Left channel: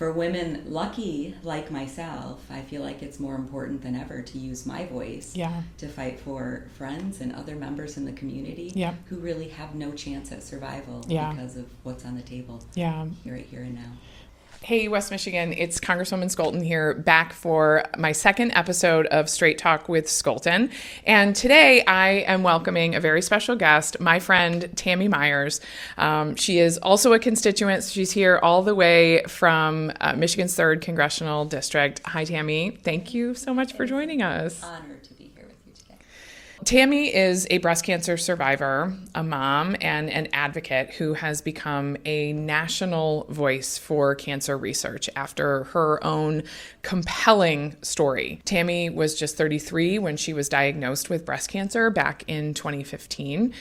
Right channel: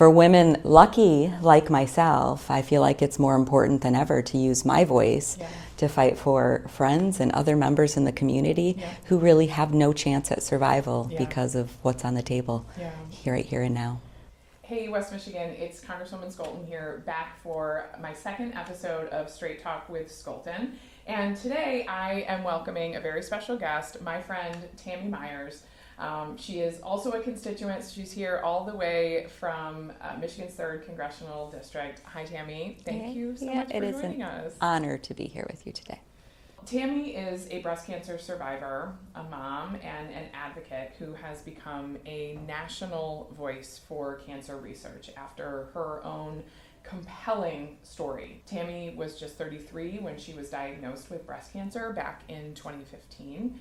for women lucky like myself, I feel like it's more important than ever to use my voice to fight for friends and other members in the community who really have no chance at survival because of what's on the table right here and now. Hey, West Michigan, it's Congresswoman Scholten here, back for my second episode of Straight Talk with Scholten. And today I am welcoming a very special guest, my friend Tammy Myers. She is also a constituent. She's here all the way from Michigan's 3rd Congressional District. Hi, Tammy. Thank you so much for joining us. Honor to be here with you today. Tammy is a breast cancer survivor, a mom, and an advocate who has become a national voice for cancer research after her own compelling story. Tammy was just 33 when she was diagnosed with breast cancer back in 2015.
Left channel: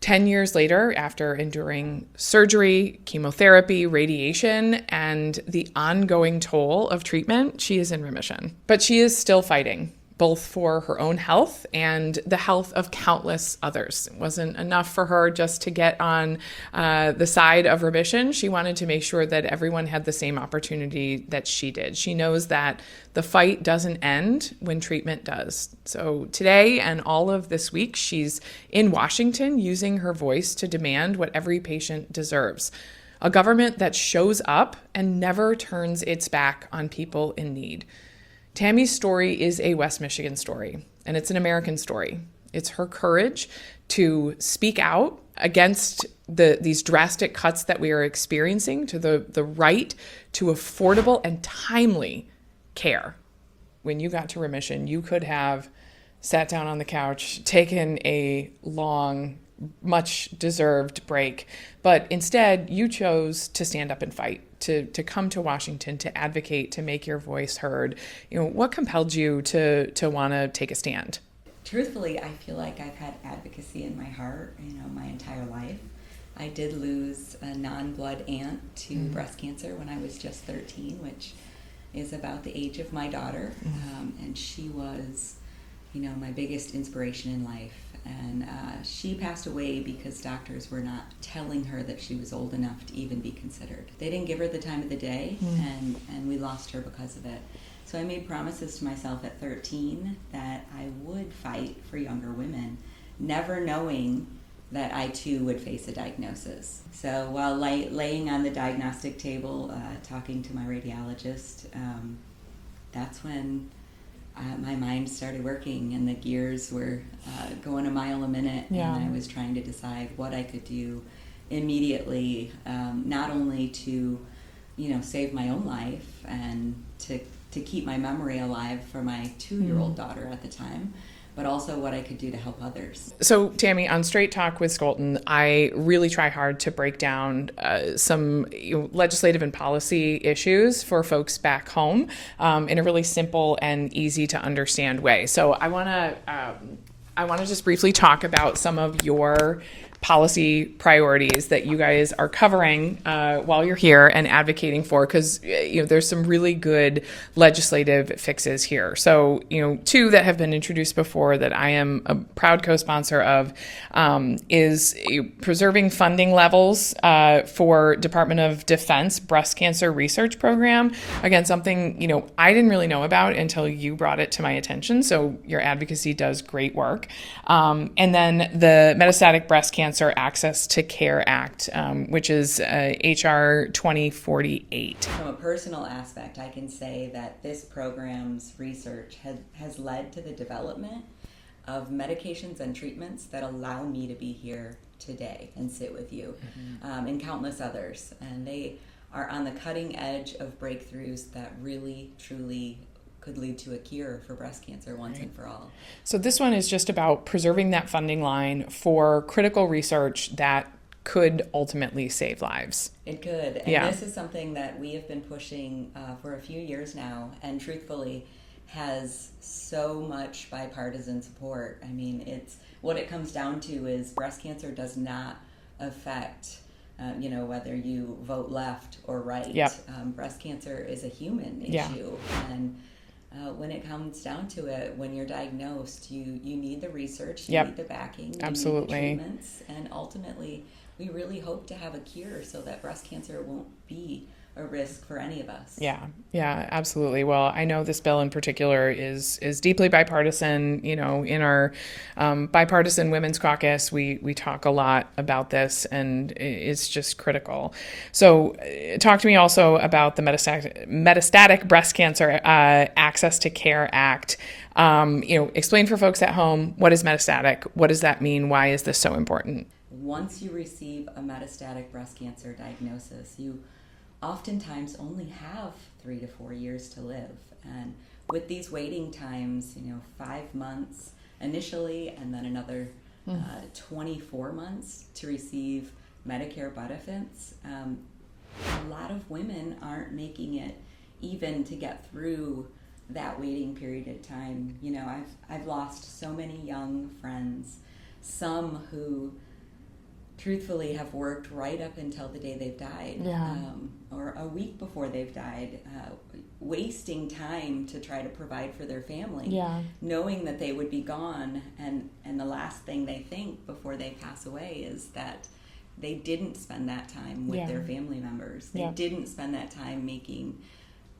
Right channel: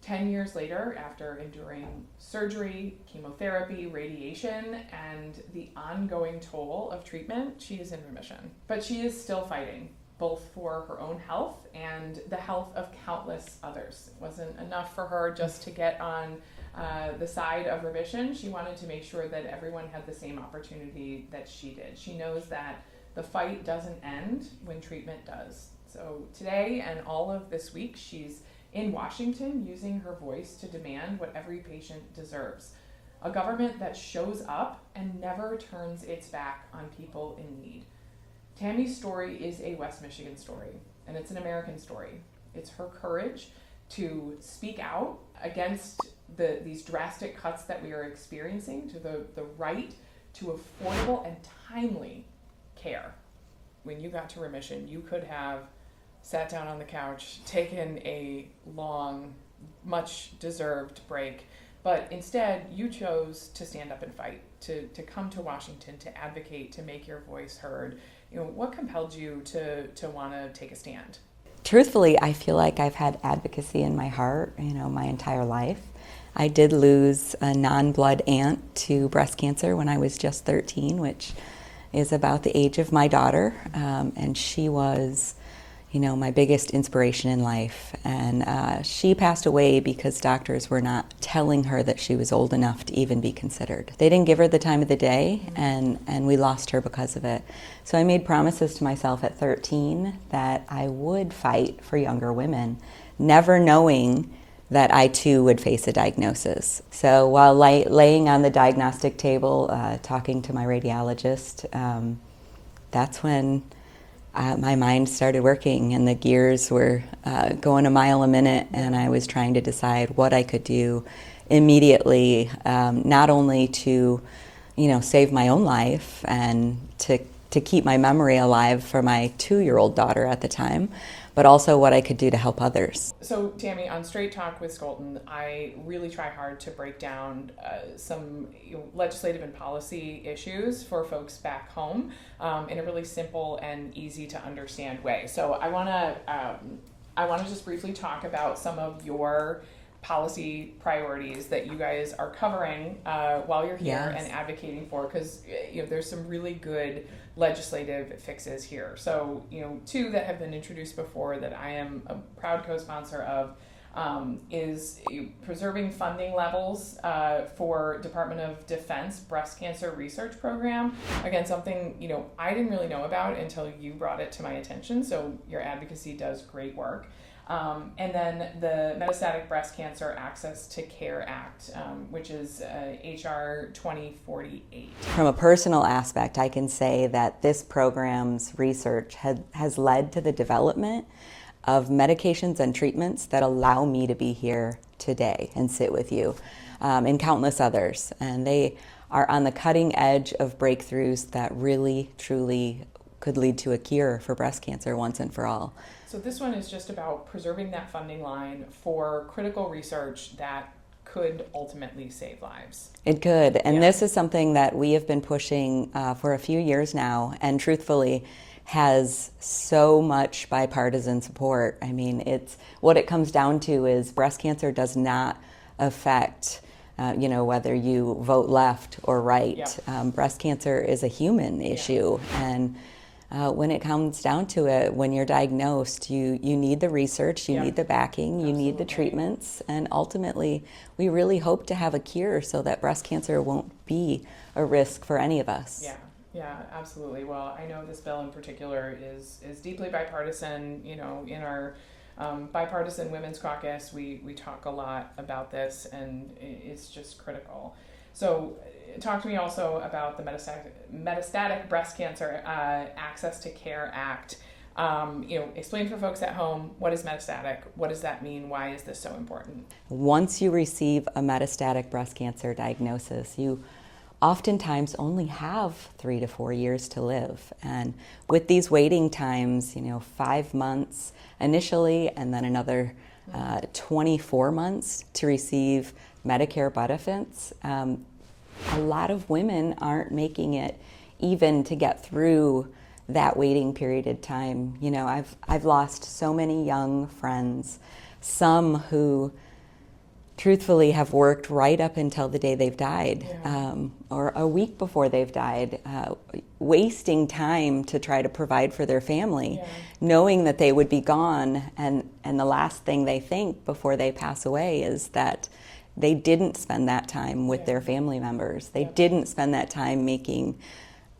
10 years later, after enduring surgery, chemotherapy, radiation, and the ongoing toll of treatment, she is in remission. But she is still fighting, both for her own health and the health of countless others. It wasn't enough for her just to get on the side of remission. She wanted to make sure that everyone had the same opportunity that she did. She knows that the fight doesn't end when treatment does. So today and all of this week, she's in Washington using her voice to demand what every patient deserves. A government that shows up and never turns its back on people in need. Tammy's story is a West Michigan story, and it's an American story. It's her courage to speak out against these drastic cuts that we are experiencing to the right to affordable and timely care. When you got to remission, you could have sat down on the couch, taken a long, much deserved break, but instead you chose to stand up and fight, to come to Washington, to advocate, to make your voice heard. You know, what compelled you to want to take a stand? Truthfully, I feel like I've had advocacy in my heart, my entire life. I did lose a non-blood aunt to breast cancer when I was just 13, which is about the age of my daughter, and she was my biggest inspiration in life. And she passed away because doctors were not telling her that she was old enough to even be considered. They didn't give her the time of the day, and we lost her because of it. So I made promises to myself at 13 that I would fight for younger women, never knowing that I too would face a diagnosis. So while laying on the diagnostic table, talking to my radiologist, that's when my mind started working and the gears were going a mile a minute, and I was trying to decide what I could do immediately, not only to save my own life and to keep my memory alive for my 2-year-old daughter at the time, but also what I could do to help others. So, Tammy, on Straight Talk with Scholten, I really try hard to break down some legislative and policy issues for folks back home in a really simple and easy to understand way. So I want to just briefly talk about some of your policy priorities that you guys are covering while you're here and advocating for, because there's some really good legislative fixes here. So 2 that have been introduced before that I am a proud co-sponsor of is preserving funding levels for Department of Defense breast cancer research program. Again, something I didn't really know about until you brought it to my attention. So your advocacy does great work. And then the Metastatic Breast Cancer Access to Care Act, which is HR 2048. From a personal aspect, I can say that this program's research has led to the development of medications and treatments that allow me to be here today and sit with you, and countless others. And they are on the cutting edge of breakthroughs that really, truly could lead to a cure for breast cancer once and for all. So this one is just about preserving that funding line for critical research that could ultimately save lives. It could. And this is something that we have been pushing for a few years now, and truthfully has so much bipartisan support. I mean, it's what it comes down to is breast cancer does not affect whether you vote left or right. Breast cancer is a human issue. And when it comes down to it, when you're diagnosed, you need the research, you need the backing, you need the treatments, and ultimately we really hope to have a cure so that breast cancer won't be a risk for any of us. Yeah, absolutely. Well, I know this bill in particular is deeply bipartisan. You know, in our bipartisan women's caucus, we talk a lot about this, and it's just critical. So, talk to me also about the Metastatic Breast Cancer Access to Care Act. Explain for folks at home, what is metastatic? What does that mean? Why is this so important? Once you receive a metastatic breast cancer diagnosis, you oftentimes only have 3 to 4 years to live. And with these waiting times, 5 months initially, and then another 24 months to receive Medicare benefits, a lot of women aren't making it even to get through that waiting period of time. I've lost so many young friends, some who truthfully have worked right up until the day they've died, or a week before they've died, wasting time to try to provide for their family, knowing that they would be gone, and the last thing they think before they pass away is that they didn't spend that time with their family members. They didn't spend that time making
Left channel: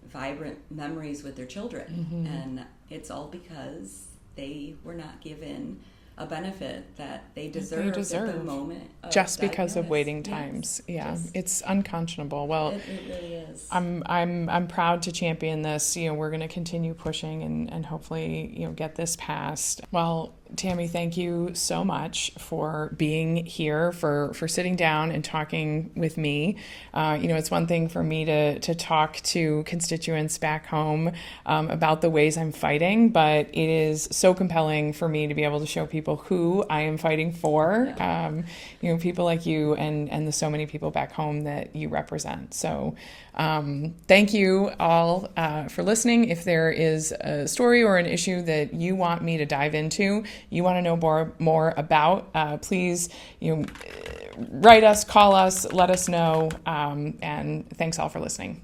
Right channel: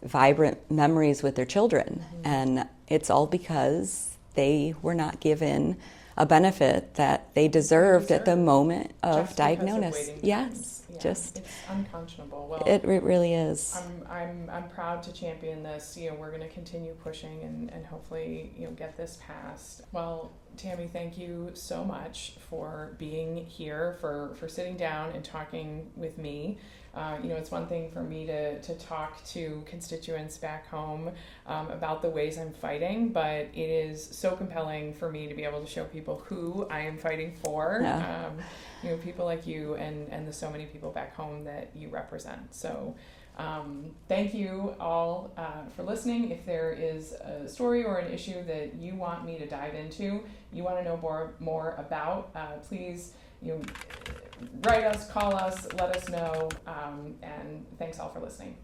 vibrant memories with their children. And it's all because they were not given a benefit that they deserved at the moment of just diagnosis. Because of waiting times. It's unconscionable. Well, it really is. I'm proud to champion this. We're going to continue pushing and hopefully get this passed. Well, Tammy, thank you so much for being here, for sitting down and talking with me. It's one thing for me to talk to constituents back home about the ways I'm fighting, but it is so compelling for me to be able to show people who I am fighting for. People like you and the so many people back home that you represent. So thank you all for listening. If there is a story or an issue that you want me to dive into, you want to know more about, please write us, call us, let us know, and thanks all for listening.